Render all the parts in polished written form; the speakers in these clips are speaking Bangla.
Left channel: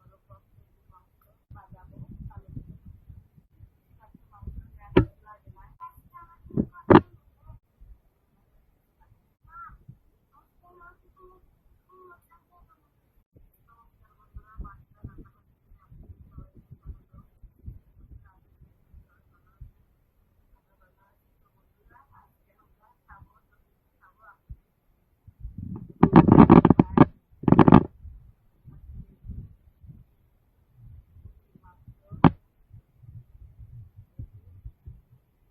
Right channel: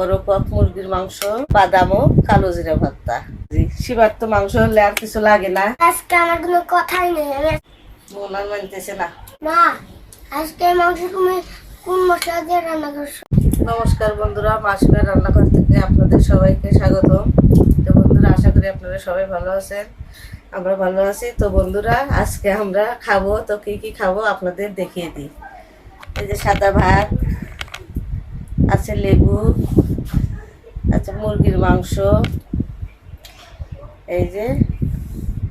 বড় কক মুরগির মাংস, বাদাম ও কালো জিরা ভর্তা। শিবার তো মাংস হলে আর কিছু লাগে না। আজকে আমার কোনো কথাই নেই। মন আর মানতেছে না। মা, আজকে মাংস তুমি কোন মশলা দিয়ে রান্না করছো? নমস্কার বন্ধুরা, মাসিমের রান্নাঘর থেকে আপনাদের সবাইকে স্বাগতম। তো বন্ধুরা, আশা করি আপনারা সবাই ভালো আছেন, আমরা ভালো আছি। তো বন্ধুরা, আজকে আমরা খাবো, তো কি কি খাবো আপনাদের দেখিয়ে দিই। এই যে সাদা ভাত আছে, লেবু আছে, মুরগির মাংস, এই যে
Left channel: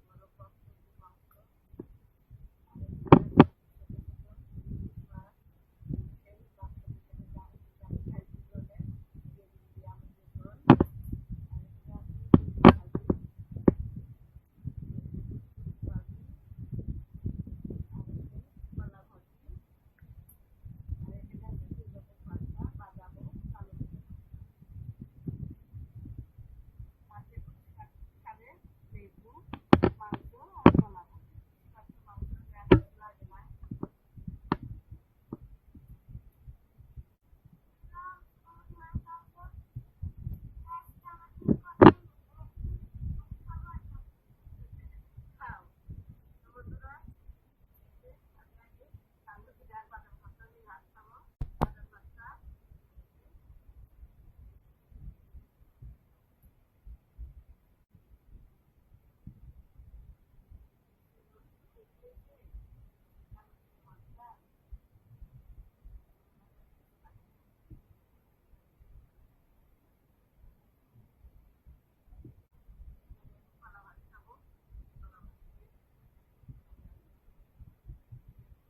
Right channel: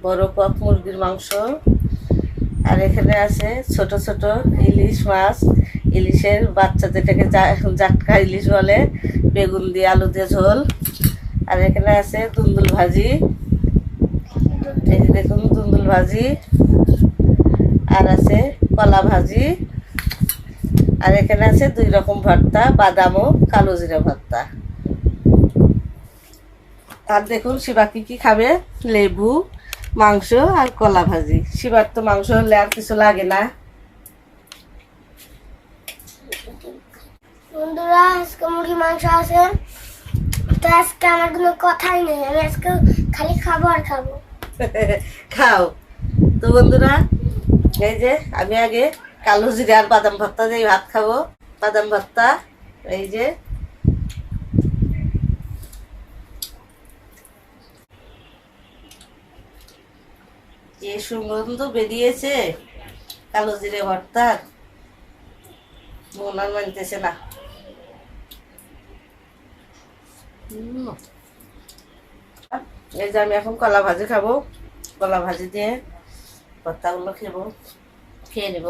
বড় কক মুরগির মাংস, আর এখানে আছে ছোট ছোট ইলিশ মাছ, ইলিশের বাচ্চা যেটাকে জাটকা ইলিশ বলে, বেগুন দিয়ে আলু দিয়ে ঝোল। আর এখানে আছে দুন্দুল ভাজি, এই যে দেখুন দুন্দুল ভাজি, আর আছে কলা ভাজি, আর এখানে আছে 2 রকম ভর্তা, বাদাম ও কালো জিরা ভর্তা। আর দেখুন শিবা কি খাবে, লেবু, মাংস আর কলা ভাজি। শিবার তো মাংস হলে আর কিছু লাগে না। বন্ধুরা, আজকে মুরগি মাংস আছে, তো আজকে আমার কোনো কথাই নেই। আমি আজকে খালি খাবো আর খাবো। খাও। তো বন্ধুরা, এই যে আমি আগে কালো জিরা আর বাদাম ভর্তা দিয়ে ভাত খাবো। বাদাম ভর্তা, এই যে যে সুগন্ধ বেরিয়েছে কালো জিরে ভর্তার, মন আর মানতেছে না। এই যে আমি এখন কলা ভাজি খাবো, কলা ভাজি দিয়ে ভর্তাগুলো খেয়ে নেব।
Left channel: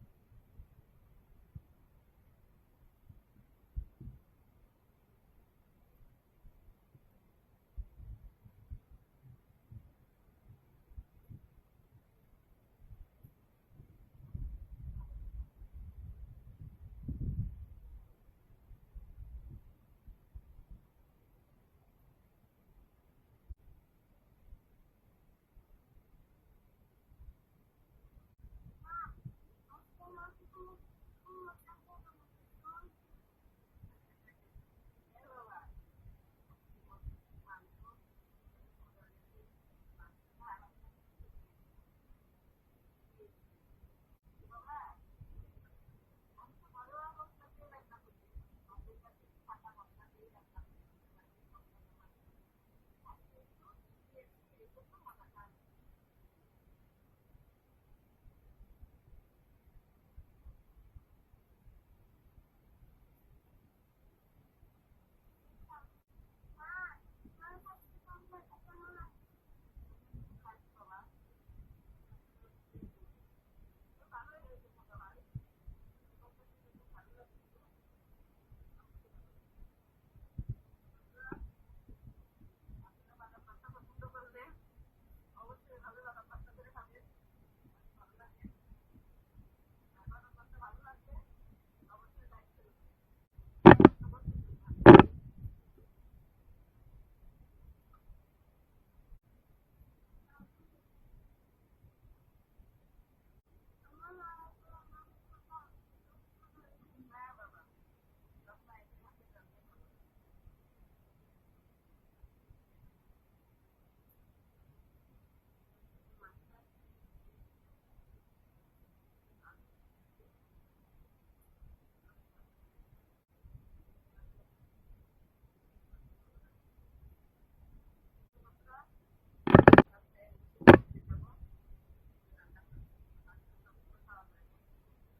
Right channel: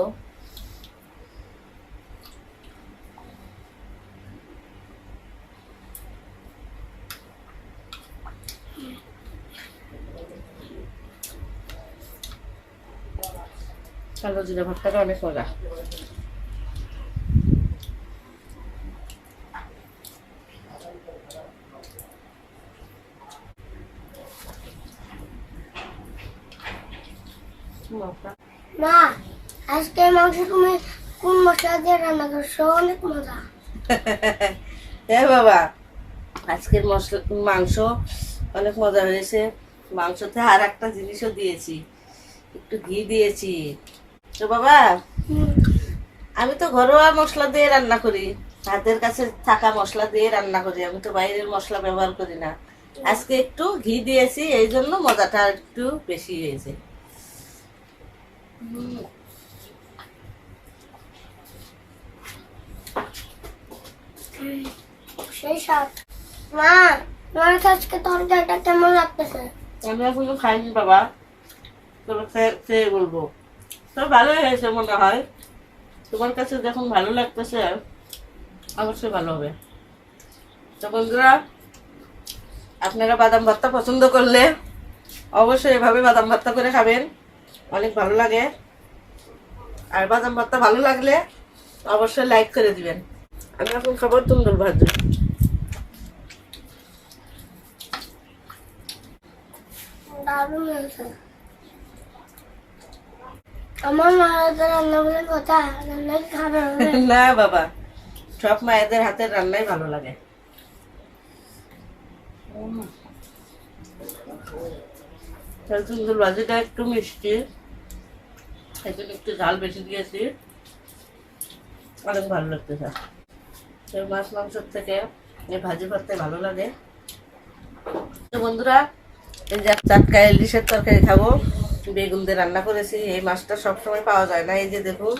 কালো জিরে ভর্তাটা অনেক মজা। মা, আজকে মাংস তুমি কোন মশলা দিয়ে রান্না করছো? অনেক মজা। হ্যাঁ বাবা, আজকের মাংস অনেক মজা হয়েছে। মাংসতে আর একটা জিনিসও দিয়েছি, একটু ঘি দিয়েছি। তো বাবা, আমি তো ঘরোয়া মশলা দিয়ে রান্না করি, হাতের কাছে থাকা মশলা দিয়ে রান্না করি, আমি তো বাইরের মশলা ব্যবহার করি না। আজকে একটু ঘি দিয়েছি, এই জন্য মজাটা একটু বেশি হয়েছে। সেই স্বাদ। মা, তোমার আজকে তরকারিটা কেমন লাগতেছে? আমি এখনো খাইনি বাবা, তবে খেয়ে বলবো। তো ভালোই হয়েছে মনে হয়। তোমার কাছে যখন ভালো লাগতেছে, অবশ্যই ভালো হবে। তো বন্ধুরা, আপনারা বাদাম ভর্তা পছন্দ করলে অবশ্যই এভাবে বাদাম ভর্তা করে খাবেন, অনেক ভালো লাগে। আর বাদাম ভর্তা ভালো লাগলে অবশ্যই লাইক করে দিবেন। আমি এখন খাবো দুন্দুল ভাজি। দারুণ হয়েছে। আমার মায়ের রান্না বলে কথা, রান্না খাবে না বাবা, সব মায়েদের হাতের রান্নাই ভালো লাগে। দুন্দুল ভাজিটা একটু মিষ্টি, এখন একটু ঝাল বেশি দিয়েছি, অনেক ভালো লাগতেছে। মাছ মাংসের থেকে এই ভাজি ভর্তাই ভালো লাগে। তো বন্ধুরা, এই যে টাটকা ইলিশের তরকারি খাবো, বেগুন দিয়ে রান্না করেছি। এই মাছটা সবসময় পাওয়া যায় না, এই যে দেখুন,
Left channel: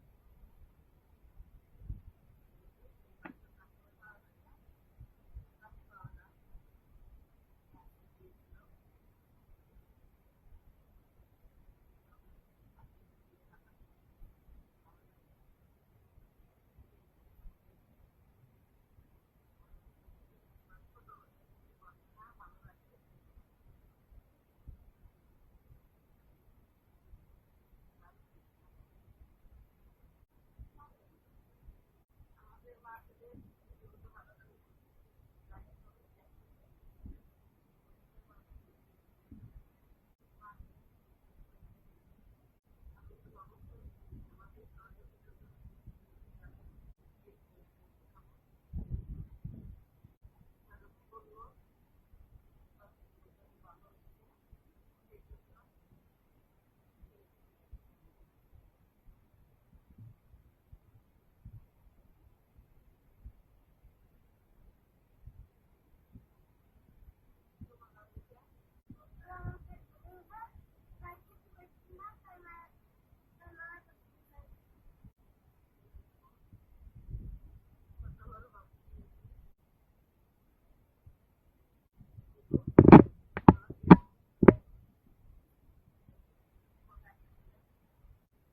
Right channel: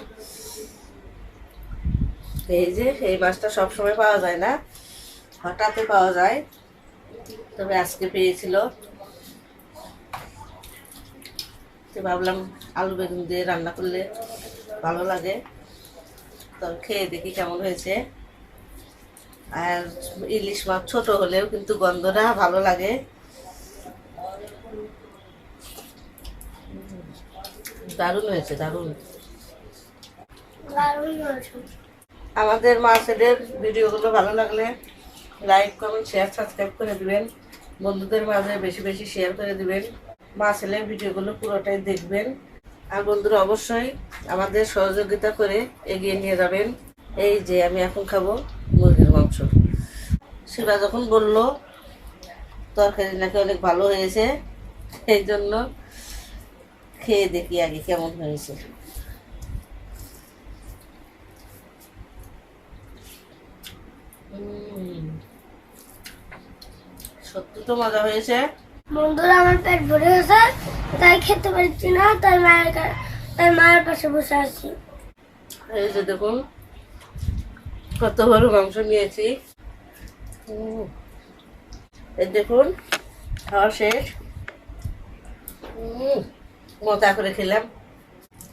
এই মাছটা সবসময় পাওয়া যায় না, হঠাৎই পাওয়া যায়, তবে আজকে পেয়েছিল। তো ভাবলাম আলু বেগুন দিয়ে রান্না করলে ভালো লাগে, তো খেয়ে দেখি কেমন হয়েছে। আর ইলিশ মাছ ছোট হলেও কিন্তু গন্ধটা ভালো লাগে। দারুণ হয়েছে, দারুণ। আমাদের মাছেদের ভিডিওগুলো ভালো লাগলে লাইক, কমেন্ট, শেয়ার, সাবস্ক্রাইব করে দিবেন। বন্ধুদের মাঝে বেশি বেশি শেয়ার করে দিবেন। মাছেদের ভিডিওগুলো পুরোটাই দেখবেন। আর বন্ধুরা, অবশ্যই আমাদের সহযোগিতা করে এগিয়ে নিয়ে যাবেন। এই যে আমি এখন খাবো মুরগির মাংস। শিবা যখন বললো তরকারি নাকি অনেক ভালো হয়েছে, সেই জন্য খেয়ে দেখি আগে কেমন হয়েছে। সত্যি তো মজা হয়েছে। বন্ধুরা, আমার পেট ভরে গেছে, তাই খেতে পারছি না, তাই মায়ের পাশে বসে আছি। এই যে দেখুন কত বড় মাংস নিয়েছি। এই দেখুন খাওয়া শেষ। মজা করে খেলাম।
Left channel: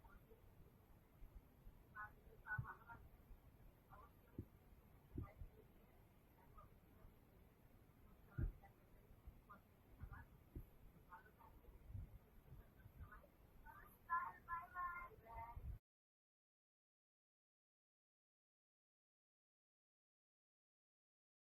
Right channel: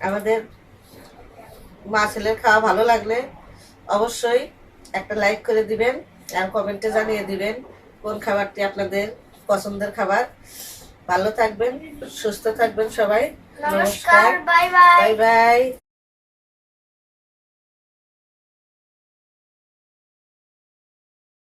আমাদের মা ছেলের খাওয়া ভালো লাগলে অবশ্যই একটা লাইক করে দিবেন আর কমেন্টে জানিয়ে দিবেন কোন খাবারটি আপনাদের পছন্দের খাবার। ভালো থাকবেন, সুস্থ থাকবেন সবাই। নমস্কার, বাই বাই। Bye bye.